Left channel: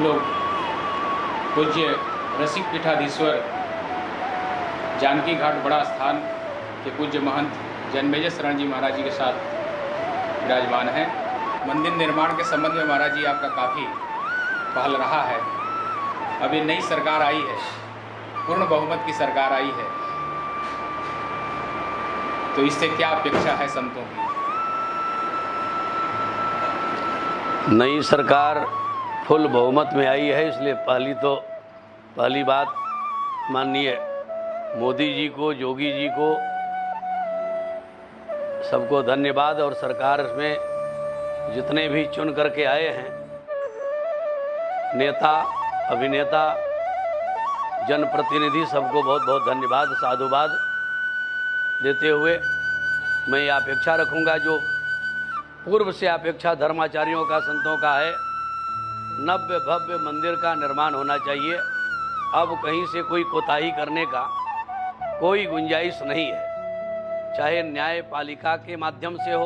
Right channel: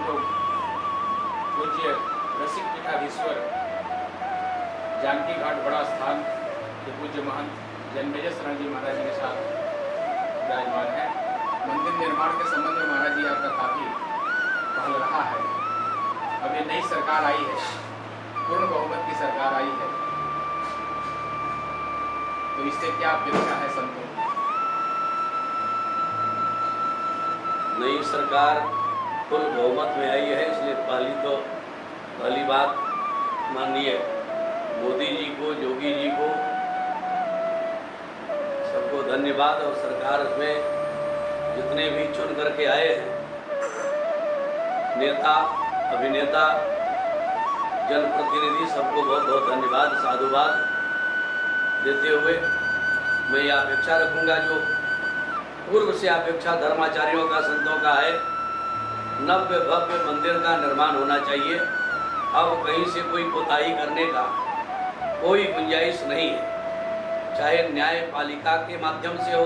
लोग पूज्य रसिक पीठाधीश्वर जानकी घाट बड़ा स्थान के पूज्य महंत जन्मेजय शरण जी महाराज जी के साथ विराजमान हैं। मंदिर निर्माण के संबंध में महाराज जी आपका काफ़ी पहल रहा है। अभी नई सरकार आई है, पूर्ण बहुमत की सरकार आई है, तो इससे क्या अपेक्षा है संतों की? नई सरकार फुल बहुमत में आई है, इसलिए पहली बात माननीय मोदी जी को, योगी जी को सबको धन्यवाद। और सरकार में जितने भी चुन करके आए हैं नेता, अभिनेता, जनप्रतिनिधि, सबको बहुत बहुत धन्यवाद, साधुवाद देते हुए मैं ये अपेक्षा रखूंगा जो पूर्व से अपेक्षा धर्माचार्यों का, संतों का है, नव्य भव्य मंदिर का निर्माण होना चाहिए। अब कहीं से कोई कोताही करने का कोई गुंजाइश नहीं है, चाहे न्यायपालिका के माध्यम से हो,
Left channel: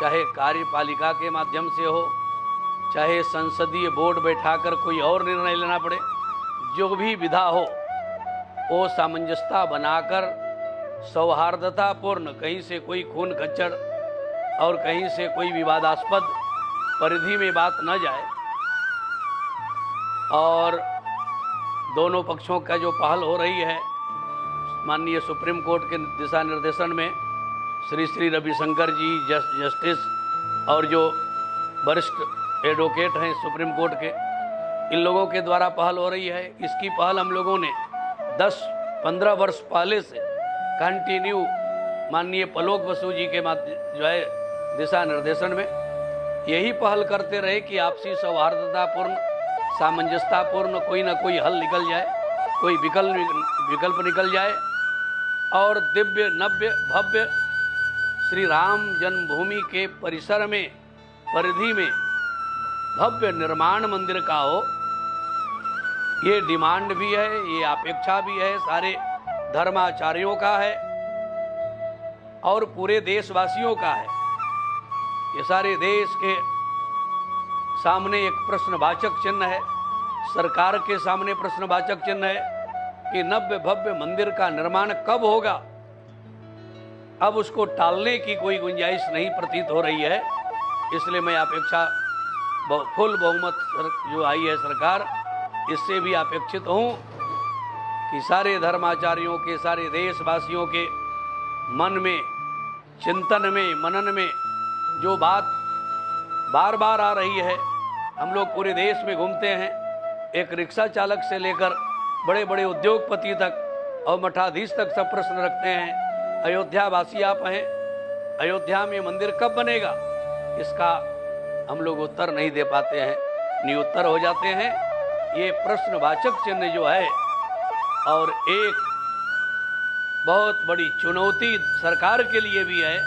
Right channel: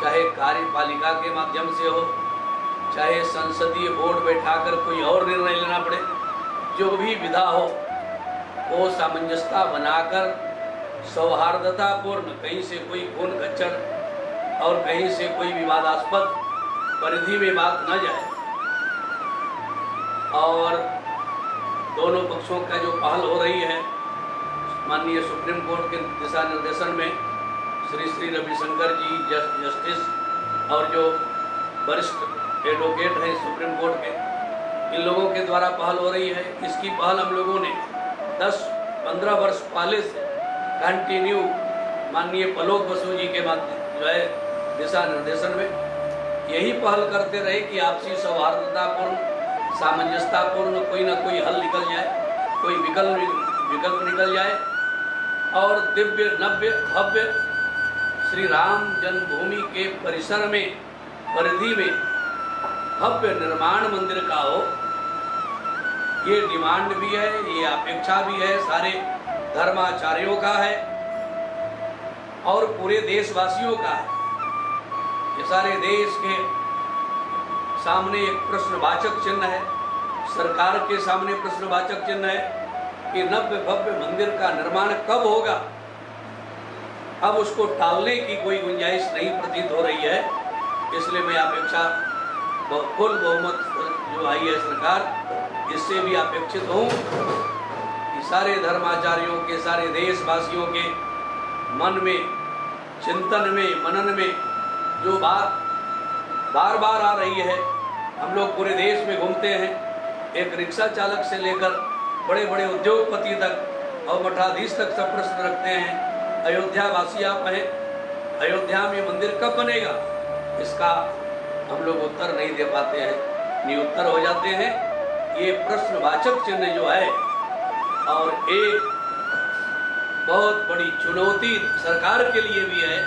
चाहे कार्यपालिका के माध्यम से हो, चाहे संसदीय बोर्ड बैठाकर कोई और निर्णय लेना पड़े, जो भी विधा हो वो सामंजस्यता बनाकर सौहार्दतापूर्ण, कहीं से कोई खून खच्चर और कहीं से कोई विवादास्पद परिधि में बात न जाए। और दोनों पक्षों का जो पहल हो रही है माननीय सुप्रीम कोर्ट के दिशा निर्देशन में, श्री श्री रविशंकर जी जस्टिस और जो वरिष्ठ एडवोकेट हैं सुप्रीम कोर्ट के, इन लोगों के द्वारा पहल हो रही है। इसकी पहल हम लोगों ने 10-15 वर्ष पहले से कंटिन्यू माननीय पलोक बसु जी के माध्यम जो है दिशा निर्देशन में यही पहल करते रहे कि आपसी सौहार्दतापूर्ण, सामंजस्यतापूर्ण कोई ना कोई हल निकल जाए, कोई विकल्प निकल जाए और दिव्य नव्य भव्य श्री राम जन्मभूमि के परिसर में, परिधि में भव्य निर्माण मंदिर का हो। ये डिमांड भी है, ये अपेक्षा भी है, सारे धर्माचार्यों का है और पूरे देशवासियों का है। ये सारे देश के सामने एक प्रश्नवाचक चिन्ह है, सरकार के सामने प्रश्नवाचक चिन्ह है कि नव्य भव्य मंदिर का निर्माण कब होगा। अब उसको टालने की कोई गुंजाइश नहीं प्रतीत हो रही है। इसलिए मैं अपेक्षा, फुल बहुमत जो आई है सरकार, इससे भी अपेक्षित हूँ कि सारे धर्माचार्यों के, सारे देशवासियों के मन में, चिंतन में, मनन में जो बात बार बार आ रही है। हम लोग पूरे देश में घूमते हैं, एक रिक्शा चालक से लेकर बड़े बड़े उद्योगपति तक और मठाधीश तक सब प्रश्न रखते हैं। अयोध्या वासी आप हैं, अयोध्या में मंदिर कब बनेगा, इसका हम लोग उत्तर नहीं दे पाते हैं, निरुत्तर हो जाते हैं। ये प्रश्नवाचक चिन्ह जो है और एक बहुत बड़ी चुनौती सरकार के लिए भी है,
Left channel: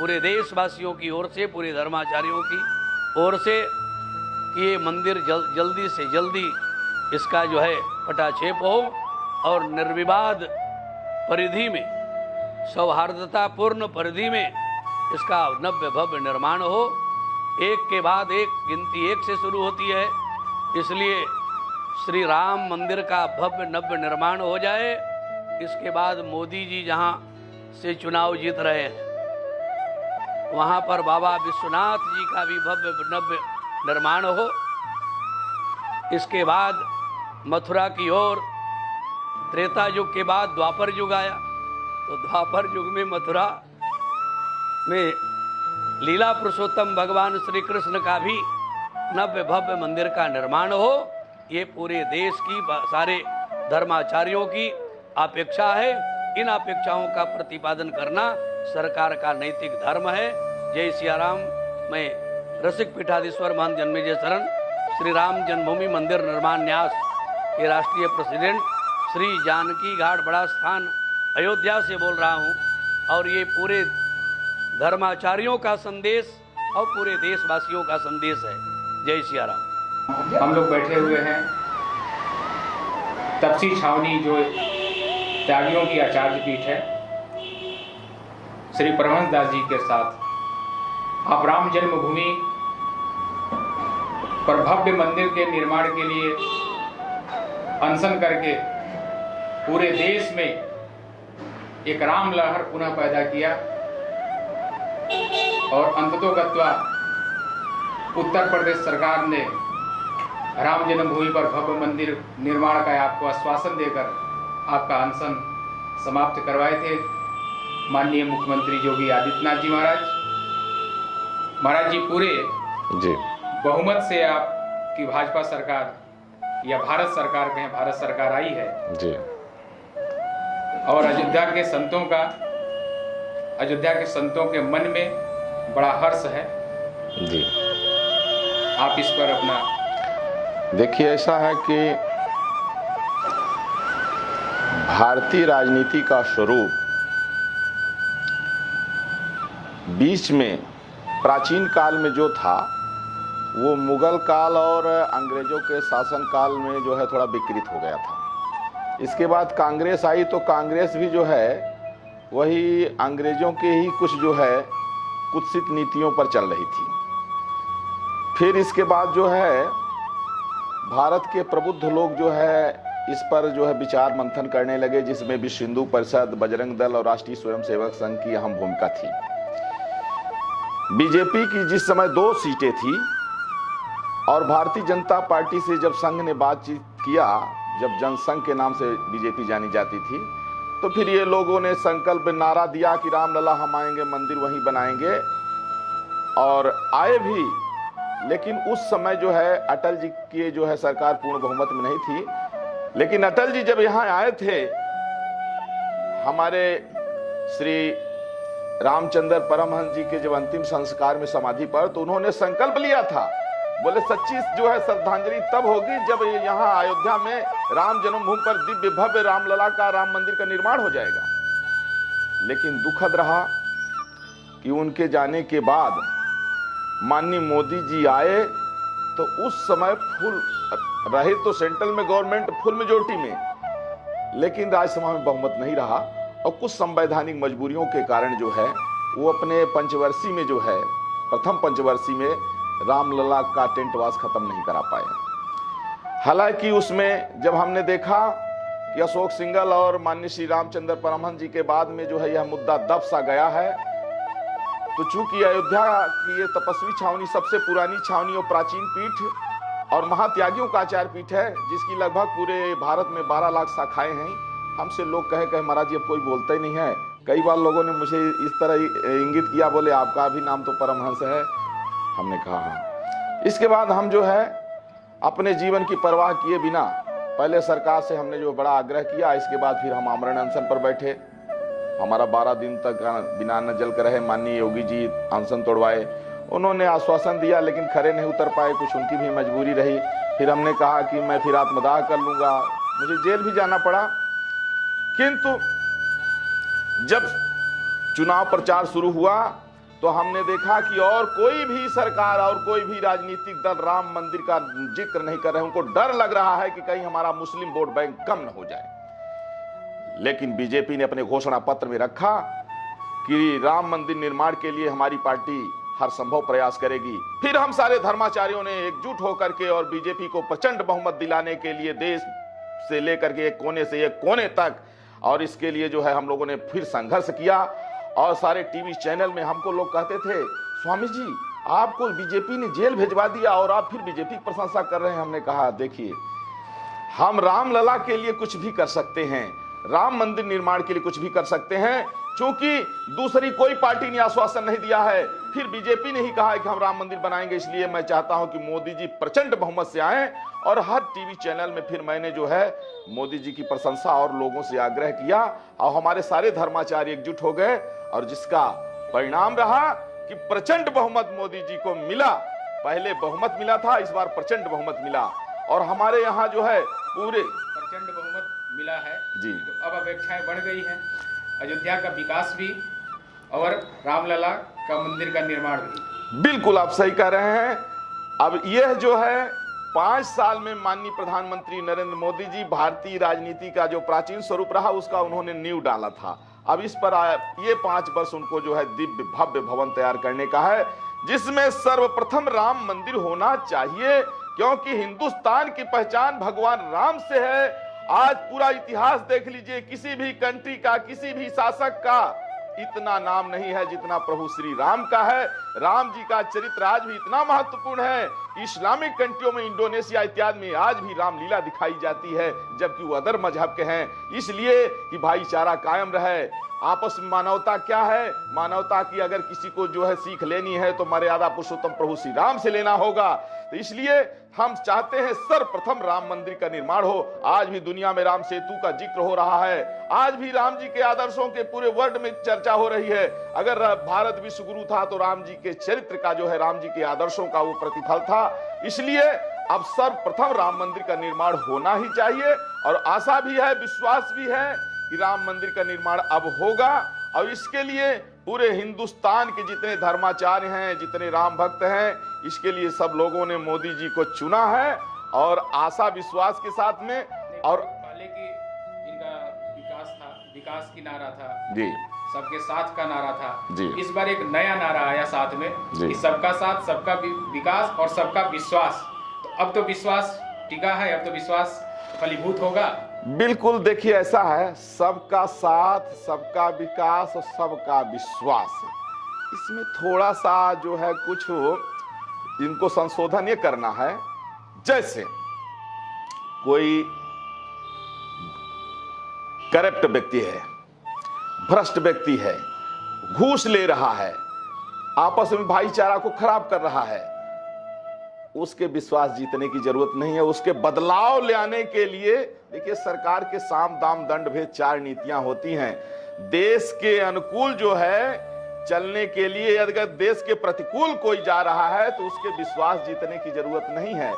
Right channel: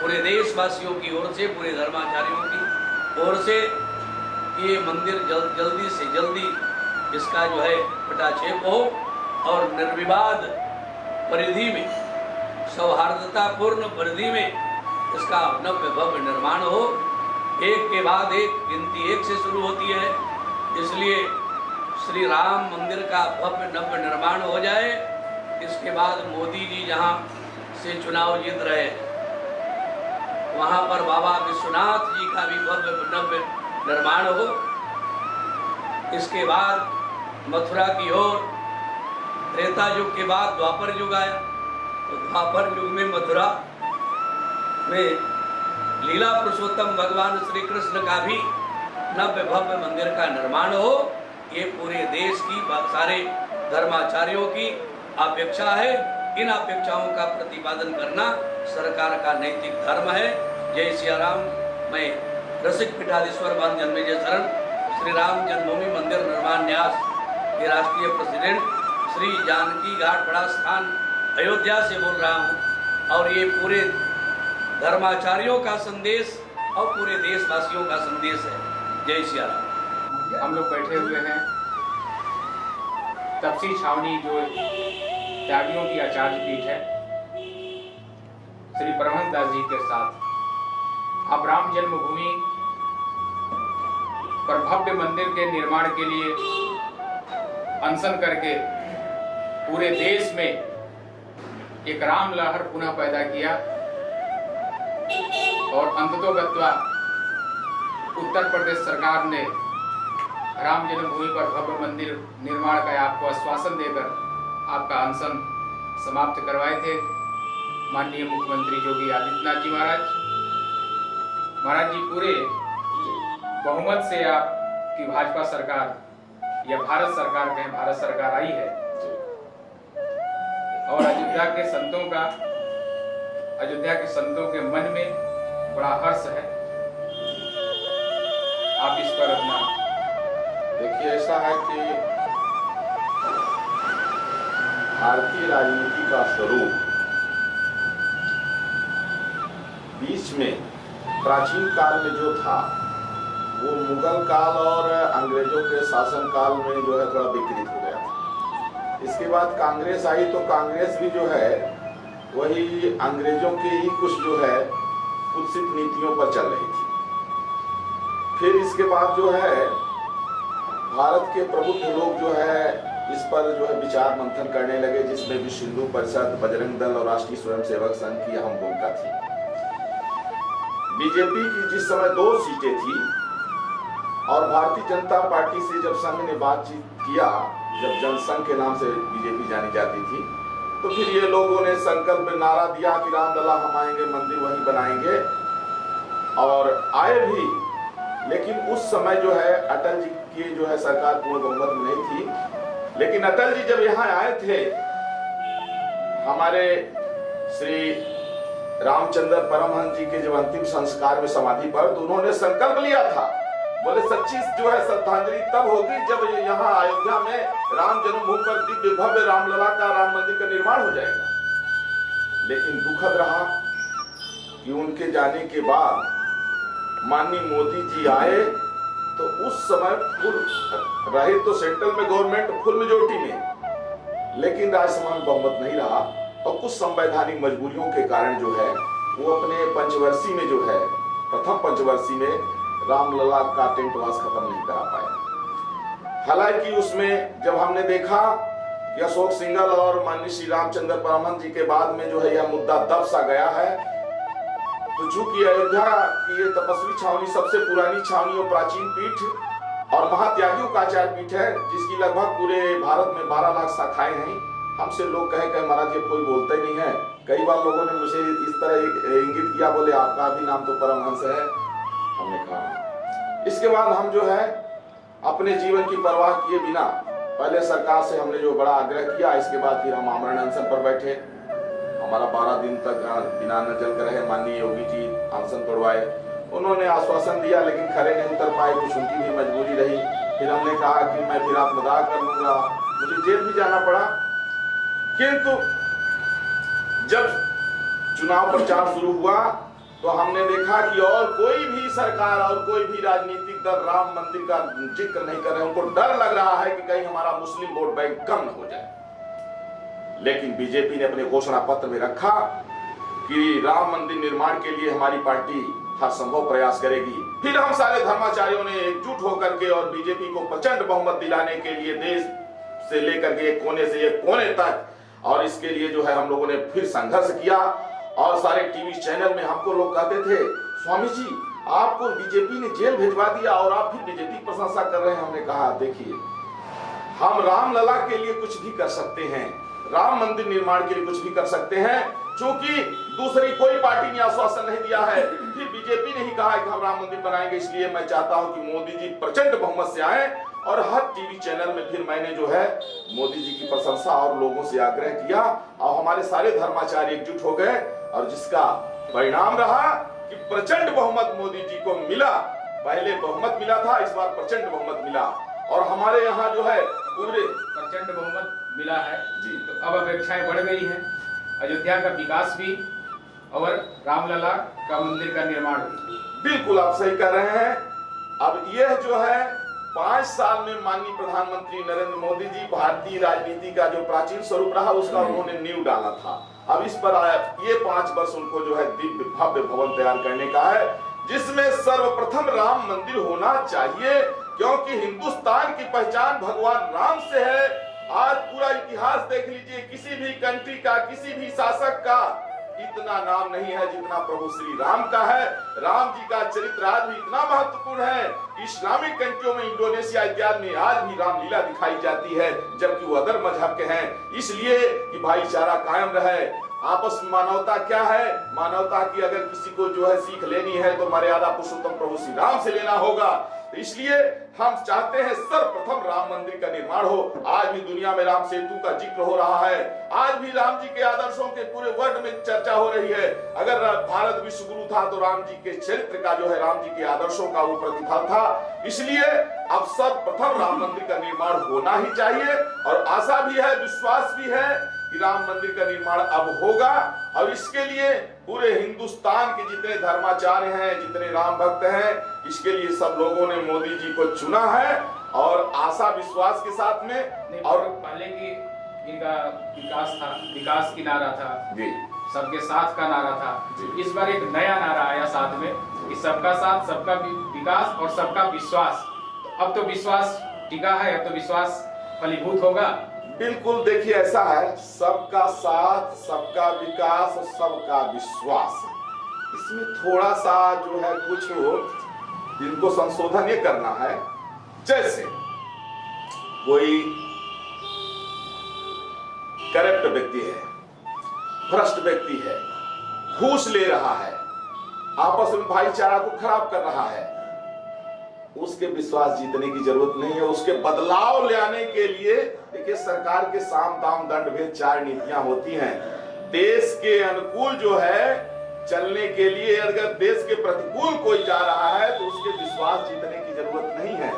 पूरे देशवासियों की ओर से, पूरे धर्माचार्यों की ओर से, ये मंदिर जल्दी से जल्दी इसका जो है पटाक्षेप हो और निर्विवाद परिधि में, सौहार्दतापूर्ण परिधि में इसका नव्य भव्य निर्माण हो। एक के बाद एक गिनती एक से शुरू होती है, इसलिए श्री राम मंदिर का भव्य नव्य निर्माण हो जाए। इसके बाद मोदी जी जहाँ से चुनाव जीत रहे, वहाँ पर बाबा विश्वनाथ जी का भी भव्य नव्य निर्माण हो। इसके बाद मथुरा की ओर, त्रेता युग के बाद द्वापर युग आया, तो द्वापर युग में मथुरा में लीला पुरुषोत्तम भगवान श्री कृष्ण का भी नव्य भव्य मंदिर का निर्माण हो। ये पूरे देश की, सारे धर्माचार्यों की अपेक्षा है। इन अपेक्षाओं का प्रतिपादन करना सरकार का नैतिक धर्म है। जय सिया राम। मैं रसिक पीठाधीश्वर मान जन्मेजय शरण, श्री राम जन्मभूमि मंदिर निर्माण न्यास के राष्ट्रीय प्रेसिडेंट श्री जानकी घाट बड़ा स्थान अयोध्या से बोल रहा हूँ। और ये पूरे धर्माचार्यों का संदेश और पूरे देशवासियों का संदेश है। जय सिया राम। हम लोग बैठे हुए हैं तपसी छावनी, जो त्यागियों की आचार्य पीठ है, श्री परमहंस दास जी के साथ। आप राम जन्मभूमि पर भव्य मंदिर के निर्माण के लिए अनशन करके पूरे देश में एक राम लहर पुनः पैदा किया और अंततोगत्वा उत्तर प्रदेश सरकार ने राम जन्मभूमि पर भव्य मंदिर निर्माण का आपको आश्वासन देकर आपका अनशन समाप्त करवाए थे। माननीय मुख्यमंत्री योगी आदित्यनाथ जी महाराज जी पूरे बहुमत से आपकी भाजपा सरकार या भारत सरकार के भारत सरकार आई है जी। और अयोध्या के संतों के मन में बड़ा हर्ष है जी। आप इस पर अपना देखिए, ऐसा है कि भारतीय राजनीति का स्वरूप बीच में प्राचीन काल में जो था वो मुगल काल और अंग्रेजों के शासन काल में जो है थोड़ा विकृत हो गया था। इसके बाद कांग्रेस आई तो कांग्रेस भी जो है वही अंग्रेजों के ही कुछ जो है कुत्सित नीतियों पर चल रही थी। फिर इसके बाद जो है भारत के प्रबुद्ध लोग जो है इस पर जो है विचार मंथन करने लगे, जिसमें विश्व हिंदू परिषद, बजरंग दल और राष्ट्रीय स्वयंसेवक संघ की अहम भूमिका थी। बीजेपी की जिस समय 2 सीटें थी और भारतीय जनता पार्टी से जब संघ ने बातचीत किया, जब जनसंघ के नाम से बीजेपी जानी जाती थी, तो फिर ये लोगों ने संकल्प नारा दिया कि रामलला हम आएंगे, मंदिर वहीं बनाएंगे, और आए भी। लेकिन उस समय जो है अटल जी की जो है सरकार पूर्ण बहुमत में नहीं थी। लेकिन अटल जी जब यहाँ आए थे, हमारे श्री रामचंद्र परमहंस जी के जब अंतिम संस्कार में समाधि पर, तो उन्होंने संकल्प लिया था, बोले सच्ची जो है श्रद्धांजलि तब होगी जब ये यहाँ अयोध्या में राम जन्मभूमि पर दिव्य भव्य रामलला का राम मंदिर का निर्माण हो जाएगा। लेकिन दुखद रहा कि उनके जाने के बाद माननीय मोदी जी आए तो उस समय फुल रहे तो सेंट्रल में गवर्नमेंट फुल मेजोरिटी में, लेकिन राज्यसभा में बहुमत नहीं रहा और कुछ संवैधानिक मजबूरियों के कारण जो है वो अपने पंचवर्षीय में जो है प्रथम पंचवर्षीय में रामलला का टेंटवास खत्म नहीं करा पाए। हालांकि उसमें जब हमने देखा कि अशोक सिंघल और माननीय श्री रामचंद्र परमहंस जी के बाद में जो है यह मुद्दा दब सा गया है, तो चूंकि अयोध्या की ये तपस्वी छावनी सबसे पुरानी छावनी और प्राचीन पीठ और महात्यागियों का आचार पीठ है, जिसकी लगभग पूरे भारत में 12 लाख शाखाएं हैं। हमसे लोग कहे महाराज ये कोई बोलता ही नहीं है। कई बार लोगों ने मुझे इस तरह इंगित किया, बोले आपका भी नाम तो परमहंस है। हमने कहा इसके बाद हम जो है अपने जीवन की परवाह किए बिना पहले सरकार से हमने जो बड़ा आग्रह किया, इसके बाद फिर हम आमरण अनशन पर बैठे। हमारा 12 दिन तक बिना अन्न जल कर रहे माननीय योगी जी अनशन तोड़वाए। उन्होंने आश्वासन दिया लेकिन खरे नहीं उतर पाए, कुछ उनकी भी मजबूरी रही। फिर हमने कहा कि मैं फिर आत्मदाह कर लूंगा, मुझे जेल भी जाना पड़ा। किंतु जब चुनाव प्रचार शुरू हुआ तो हमने देखा कि और कोई भी सरकार और कोई भी राजनीतिक दल राम मंदिर का जिक्र नहीं कर रहे। उनको डर लग रहा है कि कहीं हमारा मुस्लिम वोट बैंक कम न हो जाए। लेकिन बीजेपी ने अपने घोषणा पत्र में रखा कि राम मंदिर निर्माण के लिए हमारी पार्टी हर संभव प्रयास करेगी। फिर हम सारे धर्माचार्यों ने एकजुट होकर के और बीजेपी को प्रचंड बहुमत दिलाने के लिए देश से लेकर के एक कोने से एक कोने तक, और इसके लिए जो है हम लोगों ने फिर संघर्ष किया। और सारे टीवी चैनल में हमको लोग कहते थे, स्वामी जी आपको बीजेपी ने जेल भिजवा दिया और आप फिर बीजेपी की प्रशंसा कर रहे हैं। हमने कहा देखिए, हम रामलला के लिए कुछ भी कर सकते हैं, राम मंदिर निर्माण के लिए कुछ भी कर सकते हैं, क्योंकि दूसरी कोई पार्टी ने आश्वासन नहीं दिया है। फिर बीजेपी ने ही कहा है कि हम राम मंदिर बनाएंगे। इसलिए मैं चाहता हूं कि मोदी जी प्रचंड बहुमत से आए। और हर टीवी चैनल में फिर मैंने जो है मोदी जी की प्रशंसा और लोगों से आग्रह किया और हमारे सारे धर्माचार्य एकजुट हो गए, और जिसका परिणाम रहा कि प्रचंड बहुमत मोदी जी को मिला। पहले बहुमत मिला था, इस बार प्रचंड बहुमत मिला। और हमारे यहाँ जो है पूरे प्रचंड बहुमत मिला है जी। तो अब अपेक्षाएं बढ़ गई हैं, अयोध्या का विकास भी और रामलला का मंदिर का निर्माण भी। बिल्कुल आप सही कह रहे हैं। अब यह जो है 5 साल में माननीय प्रधानमंत्री नरेंद्र मोदी जी भारतीय राजनीति का जो प्राचीन स्वरूप रहा उसका उन्होंने नींव डाला था। अब इस पर ये 5 वर्ष उनको जो है दिव्य भव्य भवन तैयार करने का है, जिसमें सर्वप्रथम राम मंदिर होना चाहिए, क्योंकि हिंदुस्तान की पहचान भगवान राम से है। आज पूरा इतिहास देख लीजिए, किसी भी कंट्री का, किसी भी शासक का इतना नाम नहीं है जितना प्रभु श्री राम का है। राम जी का चरित्र आज भी इतना महत्वपूर्ण है। इस्लामिक कंट्रियों में, इंडोनेशिया इत्यादि में आज भी रामलीला दिखाई जाती है, जबकि वो अदर मजहब के हैं। इसलिए कि भाईचारा कायम रहे। आपस में मानवता क्या है? मानवता की अगर किसी को जो है सीख लेनी है तो मर्यादा पुरुषोत्तम प्रभु श्री राम से लेना होगा। तो इसलिए हम चाहते हैं सर्वप्रथम राम मंदिर का निर्माण हो। आज भी दुनिया में राम सेतु का जिक्र हो रहा है, आज भी राम जी के आदर्शों के पूरे वर्ल्ड में चर्चा हो रही है। अगर भारत विश्व गुरु था तो राम जी के चरित्र का जो है, राम जी के आदर्शों का वो प्रतिफल था। इसलिए अब सर्वप्रथम राम मंदिर का निर्माण होना ही चाहिए, और आशा भी है, विश्वास भी है कि राम मंदिर का निर्माण अब होगा। और इसके लिए पूरे हिंदुस्तान के जितने धर्माचार्य हैं, जितने राम भक्त हैं, इसके लिए सब लोगों ने मोदी जी को चुना है, और आशा विश्वास के साथ में। और पहले की इनका विकास था, विकास की नारा था जी, सबके साथ का नारा था जी। इस बार एक नया नारा आया साथ में कि सबका साथ, सबका विकास और सबका विश्वास। तो अब तो विश्वास टिका है, अब तो विश्वास फलीभूत होगा। बिल्कुल देखिए ऐसा है, सबका साथ, सबका विकास और सबका विश्वास, इसमें थोड़ा सा जो है कुछ इनको संशोधन ये करना है। जैसे कोई करप्ट व्यक्ति है, भ्रष्ट व्यक्ति है, घूस ले रहा है, आपस में भाईचारा को खराब कर रहा है, उसके विश्वास जीतने की जरूरत नहीं है। उसके बदलाव ले आने के लिए देखिए, सरकार के साम दाम दंड भेद 4 नीतियां होती हैं। देश के अनुकूल जो है चलने के लिए अगर देश के प्रतिकूल कोई जा रहा है तो उसके विश्वास जीतने की जरूरत नहीं है।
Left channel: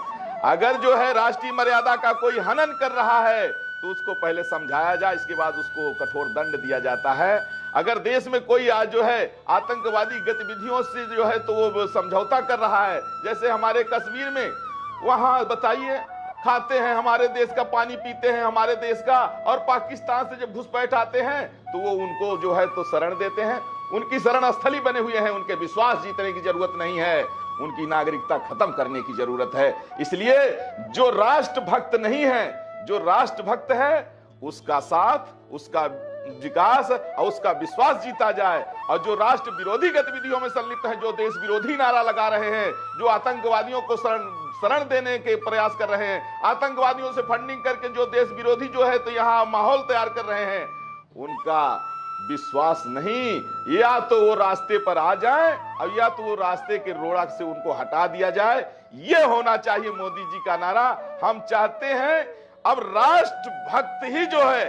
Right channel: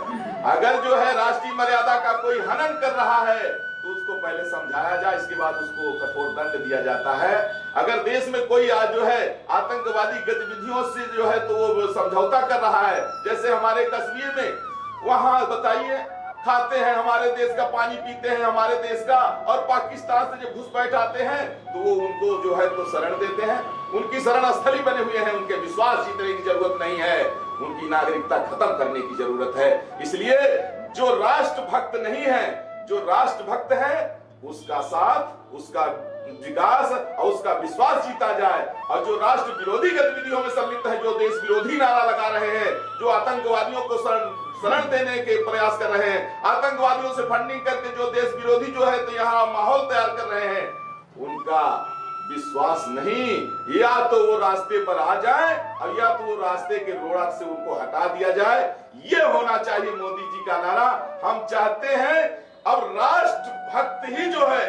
अगर जो है राष्ट्रीय मर्यादा का कोई हनन कर रहा है तो उसको पहले समझाया जाए, इसके बाद उसको कठोर दंड दिया जाता है। अगर देश में कोई आज जो है आतंकवादी गतिविधियों से जो है तो वो समझौता कर रहा है, जैसे हमारे कश्मीर में, वहां बताइए खाते हैं हमारे देश का, पानी पीते हैं हमारे देश का, और पाकिस्तान से जब घुसपैठ आते हैं तो वो उनको जो है तो शरण देते हैं। उनकी शरण स्थली बने हुए हैं, उनके विश्वास जीतने की जरूरत नहीं है, उनकी नागरिकता खत्म करने की जरूरत है। इसलिए जो राष्ट्रभक्त नहीं है, जो राष्ट्रभक्त है, उसका साथ, उसका विकास और उसका विश्वास जीता जाए। और जो राष्ट्र विरोधी गतिविधियों में संलिप्त है, जो देश विरोधी नारा लगा रहे हैं, जो आतंकवादियों को शरण देने के प्रयास कर रहे हैं, आतंकवादियों से फंडिंग करके जो देश विरोधी जो है तो यहाँ माहौल तैयार कर रहे हैं, उनका विश्वास नहीं, या तो वो रास्ते पर आ जाए और या तो वो रास्ते के रोड़ा से उनको हटा दिया जाए। ये होना चाहिए मोदी जी का नारा। हम चाहते हैं अब राष्ट्रभक्त ही जो है,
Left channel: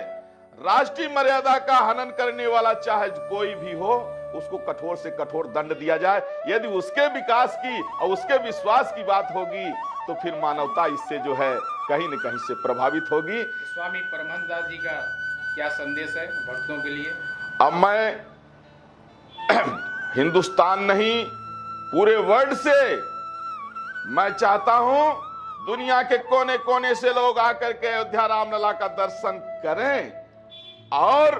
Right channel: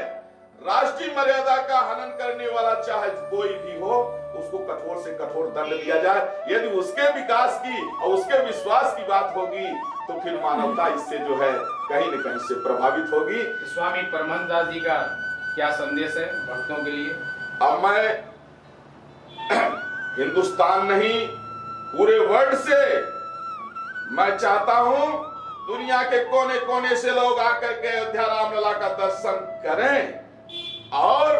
राष्ट्रीय मर्यादा का हनन करने वाला चाहे कोई भी हो, उसको कठोर से कठोर दंड दिया जाए। यदि उसके विकास की और उसके विश्वास की बात होगी तो फिर मानवता इससे जो है कहीं न कहीं से प्रभावित होगी। स्वामी परमानंद जी का क्या संदेश है भक्तों के लिए? अब मैं हिंदुस्तान नहीं, पूरे वर्ल्ड से मैं चाहता हूं दुनिया के कोने कोने से लोग आकर के अयोध्या रामलला का दर्शन करें। और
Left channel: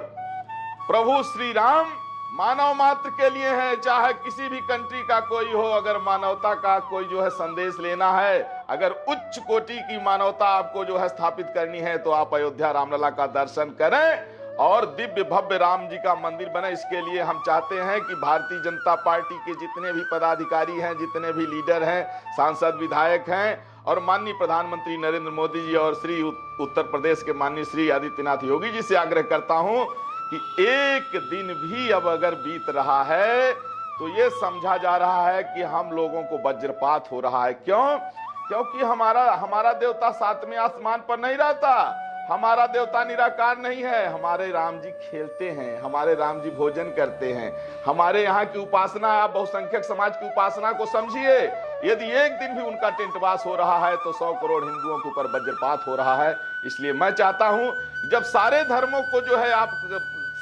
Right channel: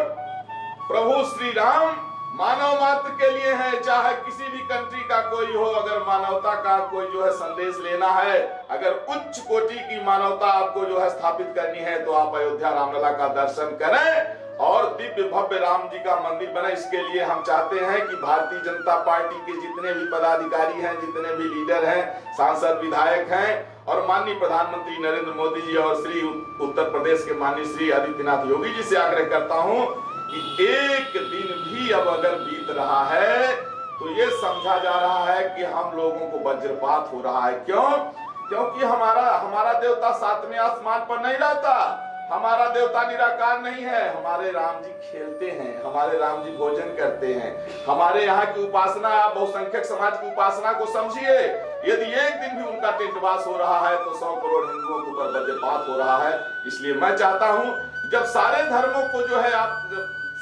प्रभु श्री राम मानव मात्र के लिए है, चाहे किसी भी कंट्री का कोई हो। अगर मानवता का कोई जो है संदेश लेना है, अगर उच्च कोटि की मानवता आपको जो है स्थापित करनी है, तो आप अयोध्या रामलला का दर्शन करें और दिव्य भव्य राम जी का मंदिर बने। इसके लिए हम चाहते हैं कि भारतीय जनता पार्टी के जितने भी पदाधिकारी हैं, जितने भी लीडर हैं, सांसद, विधायक हैं, और माननीय प्रधानमंत्री नरेंद्र मोदी जी और श्री उत्तर प्रदेश के माननीय श्री आदित्यनाथ योगी जी से आग्रह करता हूं कि एक दिन भी अब अगर बीत रहा है तो ये समझा जा रहा है कि हम लोगों को वज्रपात हो रहा है। क्यों? क्योंकि हमारा देवता सातवें आसमान पर नहीं रहता, हमारा देवता निराकार नहीं है। हमारे राम जी खेलते हैं, हमारे राम जी भोजन करते हैं। हमारे यहाँ की उपासना, आप बहुसंख्यक समाज की उपासना को समझिए, यदि एक दिन भी उनका टेंटवास हो रहा है तो 100 करोड़ हिंदुओं के ऊपर वज्रपात हो रहा है। इसलिए मैं चाहता हूं, जब सारे धर्मों को जो है आप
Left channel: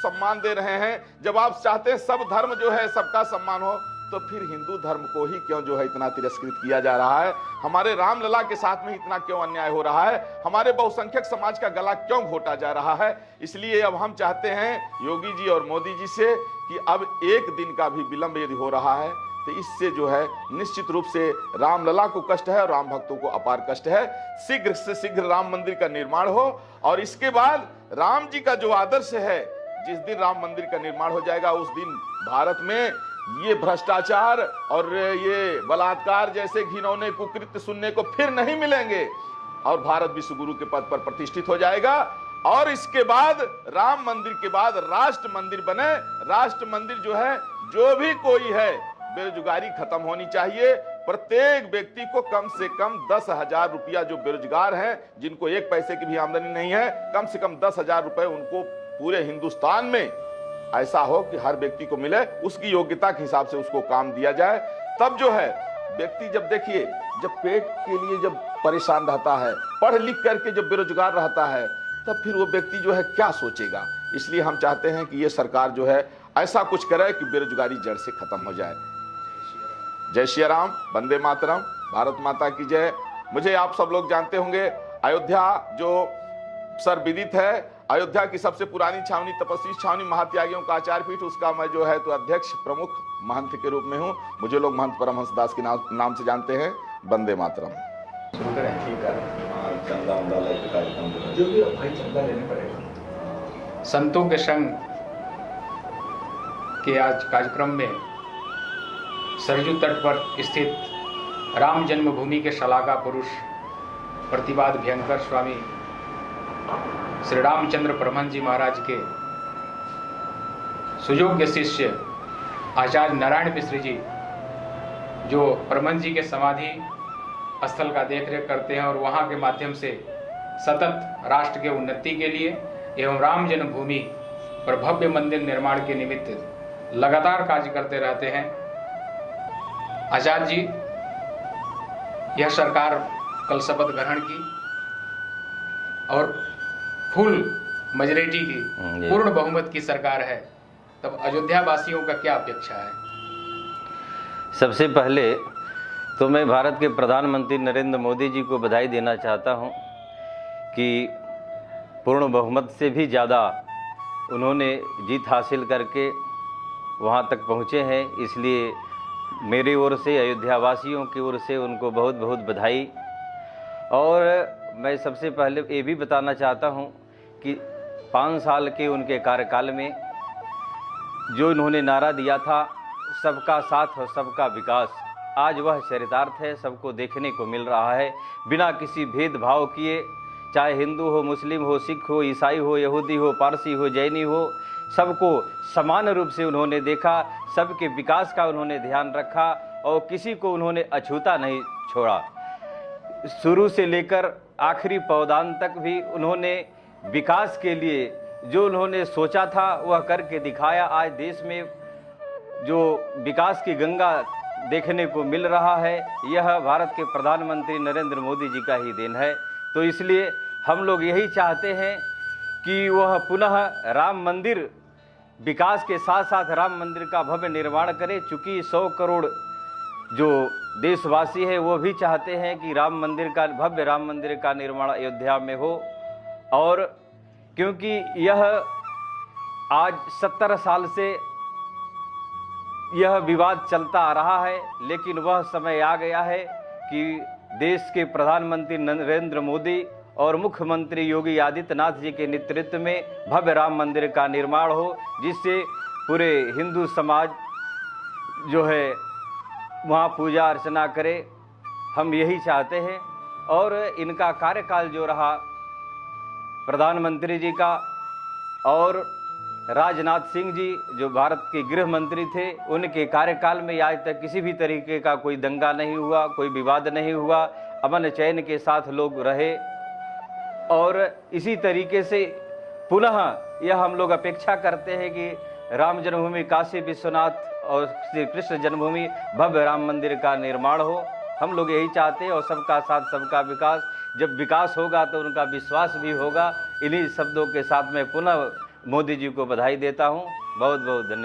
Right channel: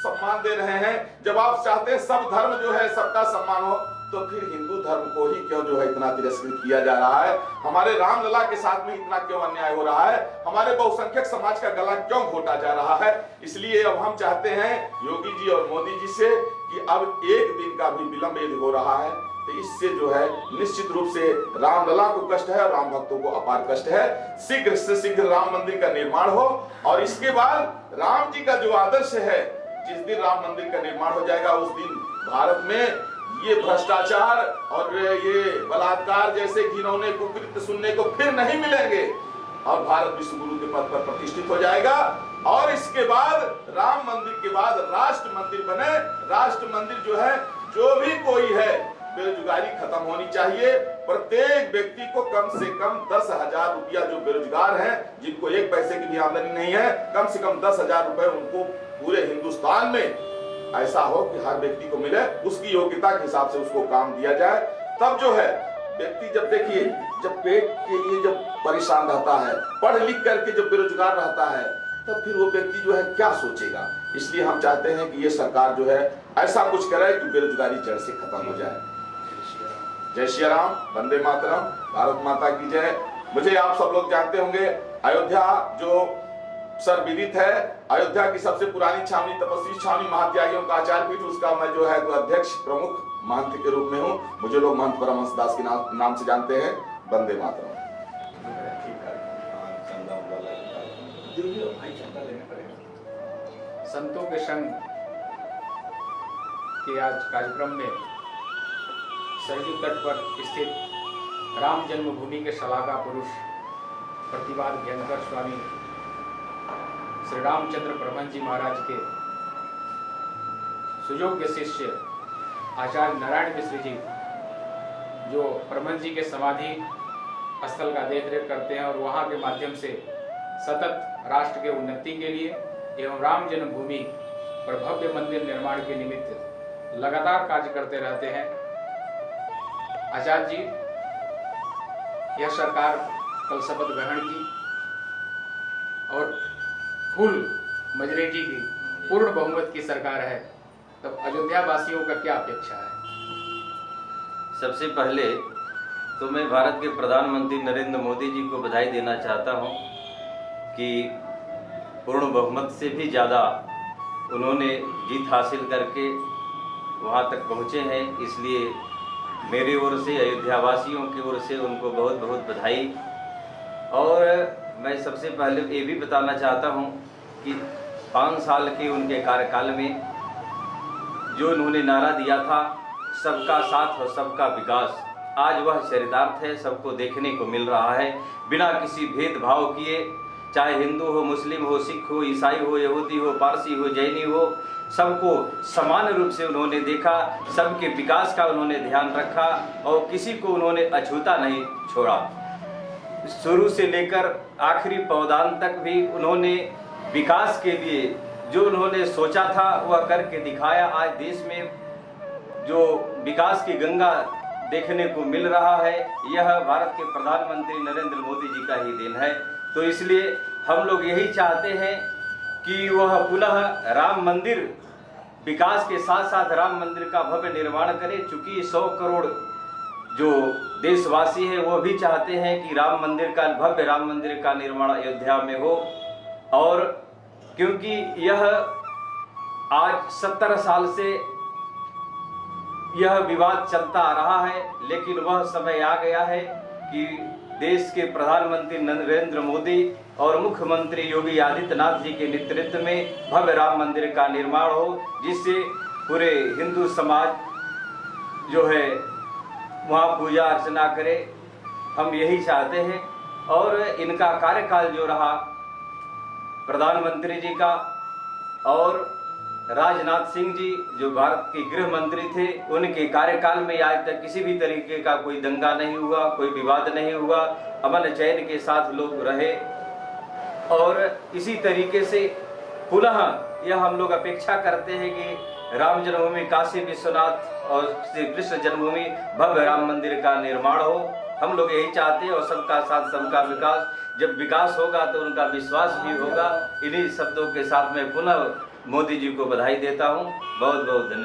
सम्मान दे रहे हैं, जब आप चाहते हैं सब धर्म जो है सबका सम्मान हो, तो फिर हिंदू धर्म को ही क्यों जो है इतना तिरस्कृत किया जा रहा है? हमारे रामलला के साथ में इतना क्यों अन्याय हो रहा है? हमारे बहुसंख्यक समाज का गला क्यों घोटा जा रहा है? इसलिए अब हम चाहते हैं योगी जी और मोदी जी से कि अब एक दिन का भी विलंब यदि हो रहा है तो इससे जो है निश्चित रूप से रामलला को कष्ट है और राम भक्तों को अपार कष्ट है। शीघ्र से शीघ्र राम मंदिर का निर्माण हो, और इसके बाद राम जी का जो आदर्श है, जिस दिन राम मंदिर का निर्माण हो जाएगा उस दिन भारत में ये भ्रष्टाचार और ये बलात्कार जैसे घिनौने कुकृत्य सुनने को फिर नहीं मिलेंगे, और भारत विश्व गुरु के पद पर प्रतिष्ठित हो जाएगा। और इसके बाद राम मंदिर के बाद राष्ट्र मंदिर बने। राष्ट्र मंदिर जो है, जो भी कोई है, बेरोजगारी खत्म होनी चाहिए। प्रत्येक व्यक्ति को कम से कम 10,000 रुपया, जो बेरोजगार हैं, जिनको एक पैसे की भी आमदनी नहीं है, कम से कम 10,000 रुपए उनको पूरे हिंदुस्तान में ऐसा हो कि हर व्यक्ति को मिले, उसकी योग्यता के हिसाब से उसको काम दिया जाए। तब जो है व्यक्ति, जब देखिए, जब पेट के लिए जब परेशान रहता है, पढ़ लिख करके जब बेरोजगार रहता है, तब फिर वो व्यक्ति जो है क्या सोचेगा? इसलिए हम चाहते हैं कि ये सरकार जो है ऐसा कुछ करे कि बेरोजगारी जड़ से खत्म हो जाए। जय श्री राम, वंदे मातरम, भारत माता की जय। मुझे आप सब लोग जानते होंगे, अयोध्या जो सर्वविदित है, अयोध्या की सबसे पुरानी छावनी, तपस्वी छावनी, महात्यागियों का आचार पीठ, उसका मैं जो है तो अध्यक्ष प्रमुख महंत के रूप में हूँ। मुझे लोग महंत परमहंस दास के नाम से जानते हैं। वंदे मातरम। जो भी भाई चंदा लेने पड़ेगा। संतों के संग के आज कार्यक्रम में सरयू तट पर स्थित राम जन्मभूमि के शलाघा पुरुष प्रतिवाद भयंकर स्वामी श्री रामचंद्र परमहंस जी महाराज के सुयोग्य शिष्य आचार्य नारायण मिश्र जी, जो परमहंस जी के समाधि स्थल का देखरेख करते हैं और वहां के माध्यम से सतत राष्ट्र के उन्नति के लिए एवं राम जन्मभूमि पर भव्य मंदिर निर्माण के निमित्त लगातार कार्य करते रहते हैं। आचार्य जी, यह सरकार कल शपथ ग्रहण की और फुल मेजॉरिटी की पूर्ण बहुमत की सरकार है, तब अयोध्या वासियों का क्या अपेक्षा है? सबसे पहले तो मैं भारत के प्रधानमंत्री नरेंद्र मोदी जी को बधाई देना चाहता हूं कि पूर्ण बहुमत से भी ज़्यादा उन्होंने जीत हासिल करके वहां तक पहुंचे हैं। इसलिए मेरी ओर से, अयोध्या वासियों की ओर से उनको बहुत बहुत बधाई। और मैं सबसे पहले ये भी बताना चाहता हूं कि 5 साल के उनके कार्यकाल में जो उन्होंने नारा दिया था, सबका साथ और सबका विकास, आज वह चरितार्थ है, सबको देखने को मिल रहा है। बिना किसी भेदभाव किए, चाहे हिंदू हो, मुस्लिम हो, सिख हो, ईसाई हो, यहूदी हो, पारसी हो, जैनी हो, सबको समान रूप से उन्होंने देखा, सबके विकास का उन्होंने ध्यान रखा और किसी को उन्होंने अछूता नहीं छोड़ा। शुरू से लेकर आखिरी पौदान तक भी उन्होंने विकास के लिए जो उन्होंने सोचा था वह करके दिखाया। आज देश में जो विकास की गंगा देखने को मिल रहा है, यह भारत के प्रधानमंत्री नरेंद्र मोदी जी का ही देन है। तो इसलिए हम लोग यही चाहते हैं कि वह पुनः राम मंदिर विकास के साथ साथ राम मंदिर का भव्य निर्माण करे। चूँकि 100 करोड़ जो देशवासी हैं वो भी चाहते हैं कि राम मंदिर का, भव्य राम मंदिर का निर्माण अयोध्या में हो। और क्योंकि यह आज 70 साल से यह विवाद चलता आ रहा है, लेकिन वह समय आ गया है कि देश के प्रधानमंत्री नरेंद्र मोदी और मुख्यमंत्री योगी आदित्यनाथ जी के नेतृत्व में भव्य राम मंदिर का निर्माण हो, जिससे पूरे हिंदू समाज जो है वहाँ पूजा अर्चना करे। हम यही चाहते हैं। और इनका कार्यकाल जो रहा प्रधानमंत्री जी का, और राजनाथ सिंह जी जो भारत के गृह मंत्री थे, उनके कार्यकाल में आज तक किसी भी तरीके का कोई दंगा नहीं हुआ, कोई विवाद नहीं हुआ, अमन चैन के साथ लोग रहे। और इसी तरीके से पुनः यह हम लोग अपेक्षा करते हैं कि राम जन्मभूमि काशी विश्वनाथ और श्री कृष्ण जन्मभूमि भव्य राम मंदिर का निर्माण हो। हम लोग यही चाहते हैं। और सबका साथ सबका विकास, जब विकास होगा तो उनका विश्वास भी होगा। इन्हीं शब्दों के साथ मैं पुनः मोदी जी को बधाई देता हूँ। बहुत बहुत धन्यवाद।